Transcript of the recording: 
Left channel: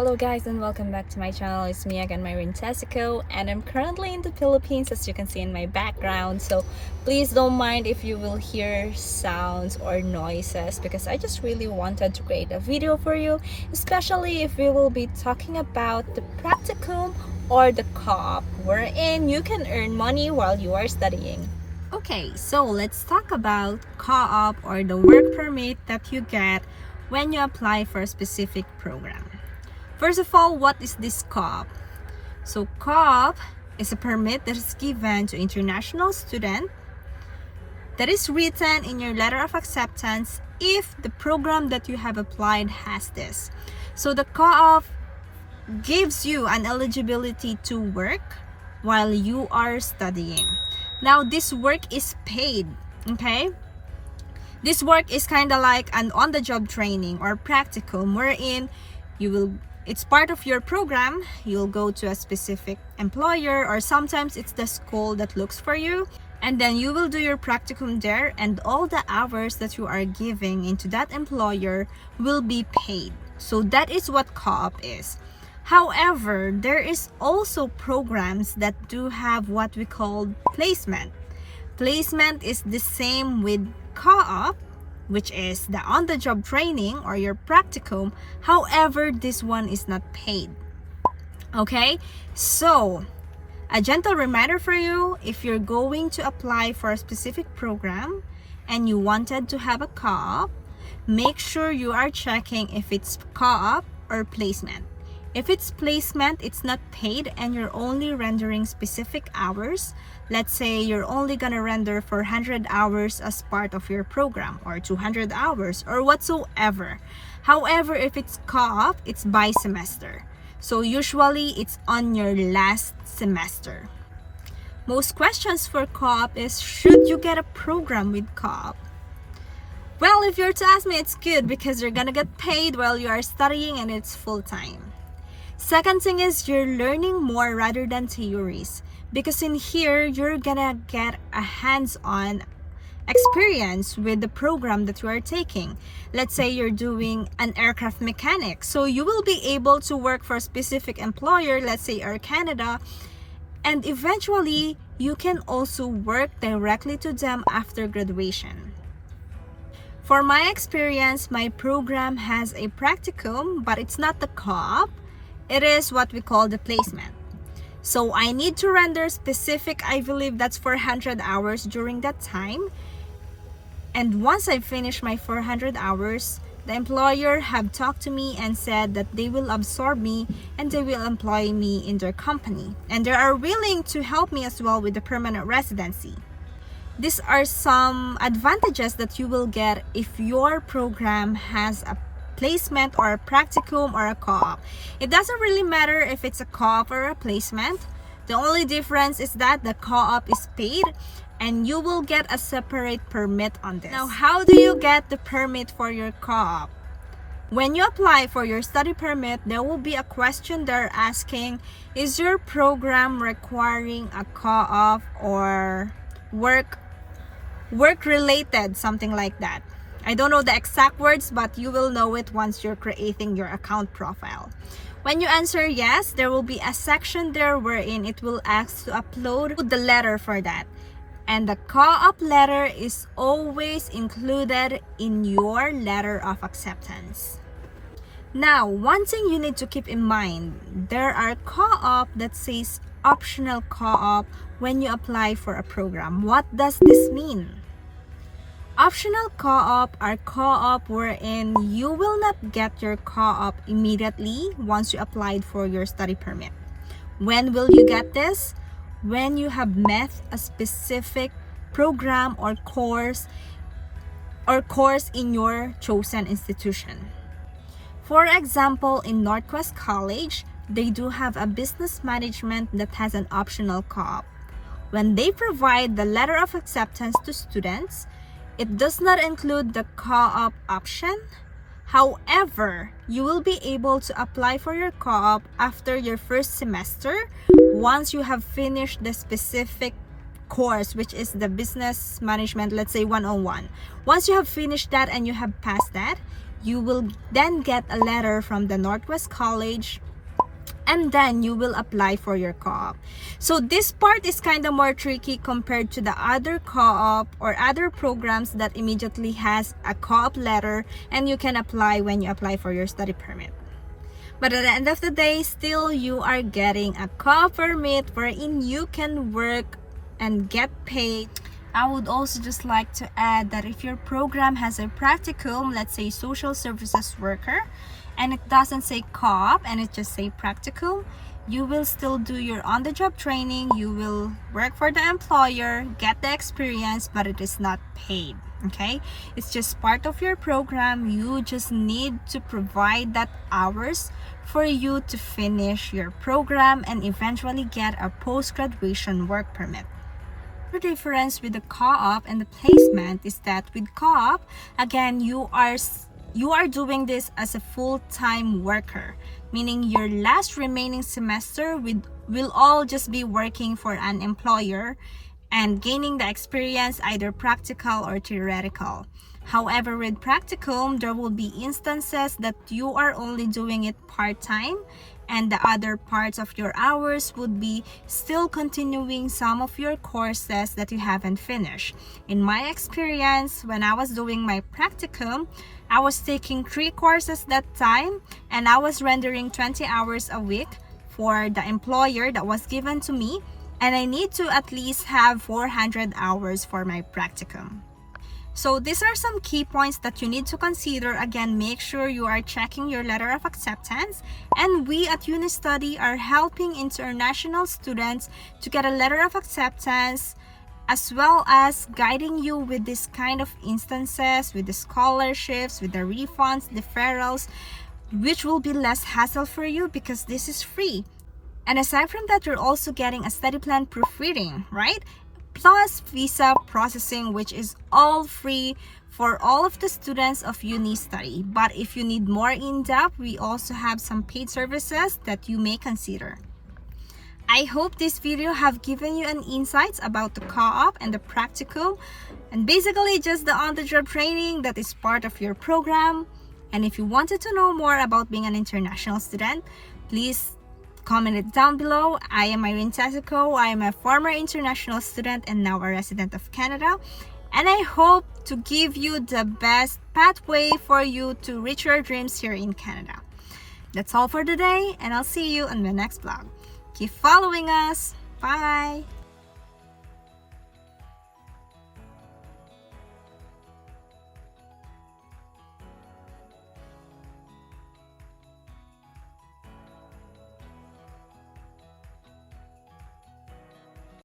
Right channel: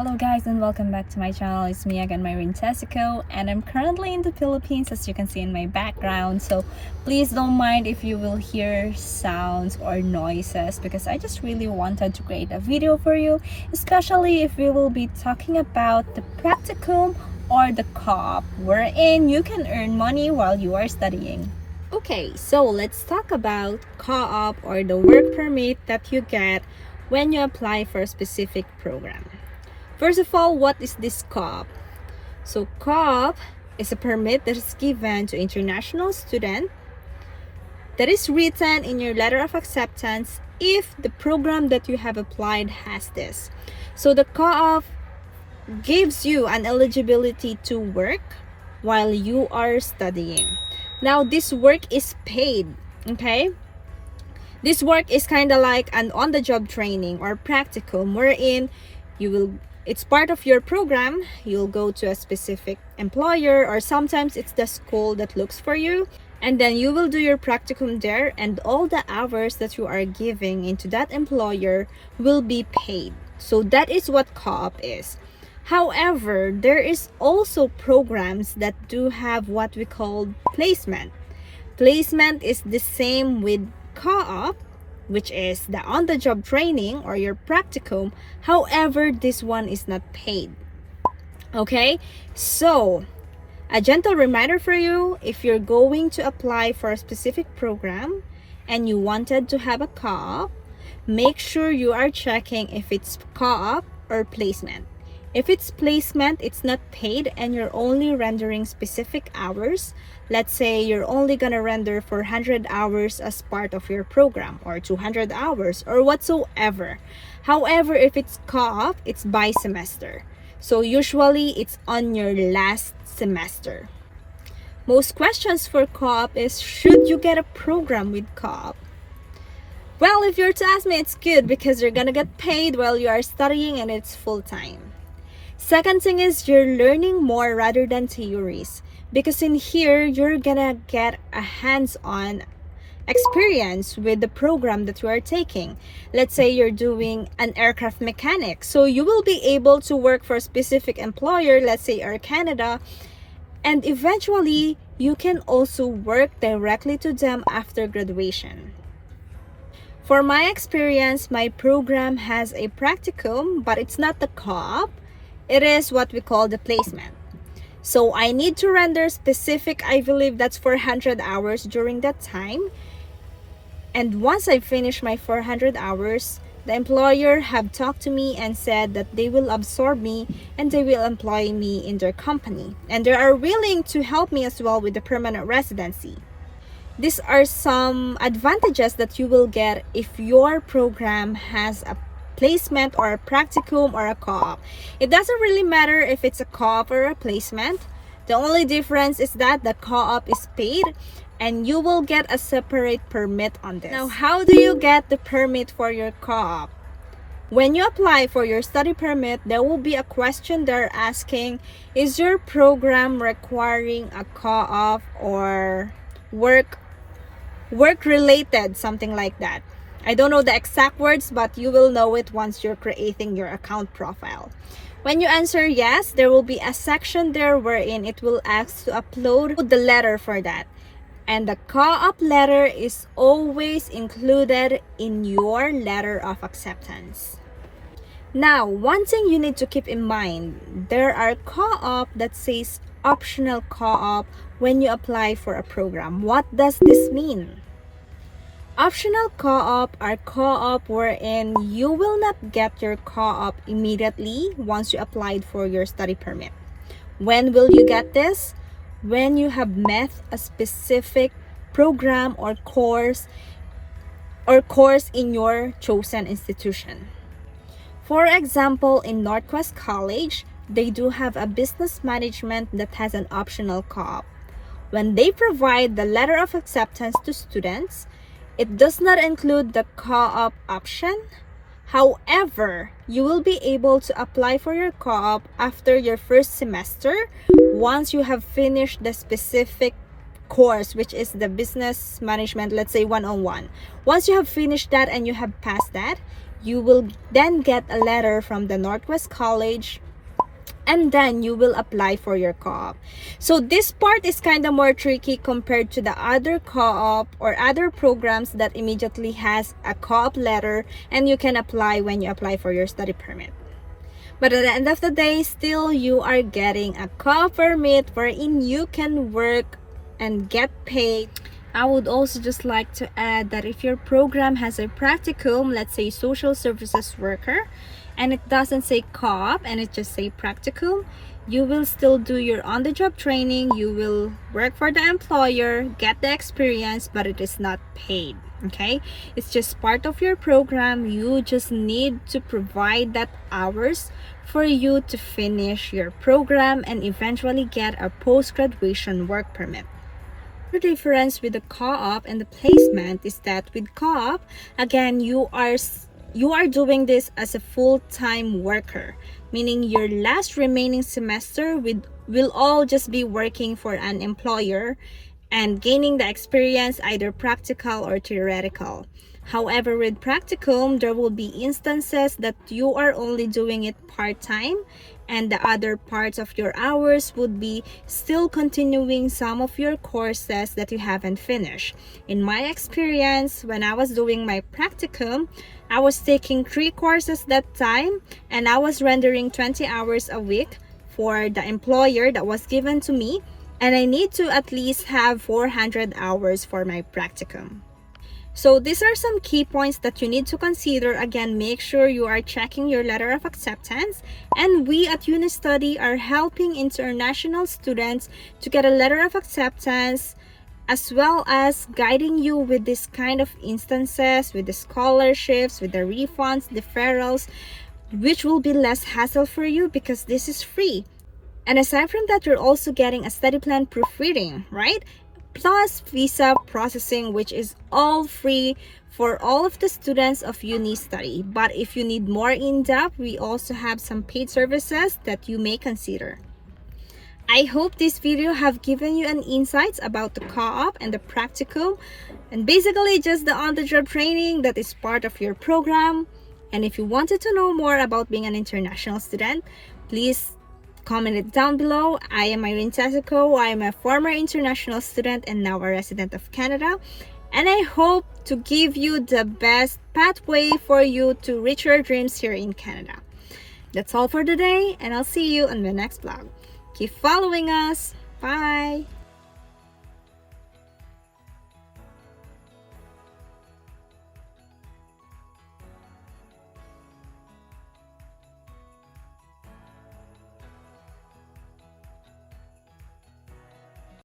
Hello guys and welcome back to my channel. It's me again, Myrene, and I'm currently in the Philippines, as you can see in my background. So please don't mind if you will hear sounds or noises, because I just really wanted to create a video for you, especially if we will be talking about the practicum or the co-op, wherein you can earn money while you are studying. Okay, so let's talk about co-op, or the work permit that you get when you apply for a specific program. First of all, what is this co-op? So co-op is a permit that is given to international student that is written in your letter of acceptance if the program that you have applied has this. So the co-op gives you an eligibility to work while you are studying. Now this work is paid, okay? This work is kind of like an on-the-job training or practicum, wherein it's part of your program. You'll go to a specific employer, or sometimes it's the school that looks for you, and then you will do your practicum there, and all the hours that you are giving into that employer will be paid. So that is what co-op is. However, there is also programs that do have what we call placement. Placement is the same with co-op, which is the on-the-job training or your practicum. However, this one is not paid. Okay, so a gentle reminder for you: if you're going to apply for a specific program and you wanted to have a co-op, make sure you are checking if it's co-op or placement. If it's placement, it's not paid and you're only rendering specific hours. Let's say you're only gonna render 400 hours as part of your program, or 200 hours, or whatsoever. However, if it's co-op, it's by semester. So usually it's on your last semester. Most questions for co-op is, should you get a program with co-op? Well, if you're to ask me, it's good because you're gonna get paid while you are studying and it's full-time. Second thing is, you're learning more rather than theories, because in here you're gonna get a hands-on experience with the program that you are taking. Let's say you're doing an aircraft mechanic, so you will be able to work for a specific employer, let's say Air Canada, and eventually you can also work directly to them after graduation. For my experience, my program has a practicum, but it's not the co-op. It is what we call the placement. So I need to render specific, I believe that's 400 hours during that time. And once I finish my 400 hours, the employer have talked to me and said that they will absorb me and they will employ me in their company. And they are willing to help me as well with the permanent residency. These are some advantages that you will get if your program has a placement or a practicum or a co-op. It doesn't really matter if it's a co-op or a placement. The only difference is that the co-op is paid and you will get a separate permit on this. Now, how do you get the permit for your co-op? When you apply for your study permit, there will be a question there asking, is your program requiring a co-op or work related, something like that. I don't know the exact words, but you will know it once you're creating your account profile. When you answer yes, there will be a section there wherein it will ask to upload the letter for that. And the co-op letter is always included in your letter of acceptance. Now, one thing you need to keep in mind, there are co-op that says optional co-op when you apply for a program. What does this mean? Optional co-op are co-op wherein you will not get your co-op immediately once you applied for your study permit. When will you get this? When you have met a specific program or course in your chosen institution. For example, in Northwest College, they do have a business management that has an optional co-op. When they provide the letter of acceptance to students, it does not include the co-op option. However, you will be able to apply for your co-op after your first semester once you have finished the specific course, which is the business management, let's say 101. Once you have finished that and you have passed that, You will then get a letter from the Northwest College, and then you will apply for your co-op. So this part is kind of more tricky compared to the other co-op or other programs that immediately has a co-op letter and you can apply when you apply for your study permit. But at the end of the day, still you are getting a co-op permit wherein you can work and get paid. I would also just like to add that if your program has a practicum, let's say social services worker, and it doesn't say co-op and it just say practicum, you will still do your on-the-job training, you will work for the employer, get the experience, but it is not paid. Okay, it's just part of your program. You just need to provide that hours for you to finish your program and eventually get a post-graduation work permit. The difference with the co-op and the placement is that with co-op, again, you are doing this as a full-time worker, meaning your last remaining semester will all just be working for an employer and gaining the experience, either practical or theoretical. However, with practicum, there will be instances that you are only doing it part-time, and the other parts of your hours would be still continuing some of your courses that you haven't finished. In my experience, when I was doing my practicum, I was taking 3 courses that time, and I was rendering 20 hours a week for the employer that was given to me, and I need to at least have 400 hours for my practicum. So these are some key points that you need to consider. Again, make sure you are checking your letter of acceptance, and we at UniStudy are helping international students to get a letter of acceptance, as well as guiding you with this kind of instances, with the scholarships, with the refunds, deferrals, which will be less hassle for you because this is free. And aside from that, you're also getting a study plan proofreading, right? Plus visa processing, which is all free for all of the students of UniStudy. But if you need more in-depth, we also have some paid services that you may consider. I hope this video have given you an insights about the co-op and the practical, and basically just the on-the-job training that is part of your program. And if you wanted to know more about being an international student, please comment it down below. I am Myrene. I am a former international student and now a resident of Canada, and I hope to give you the best pathway for you to reach your dreams here in Canada. That's all for today, and I'll see you on the next vlog. Keep following us. Bye!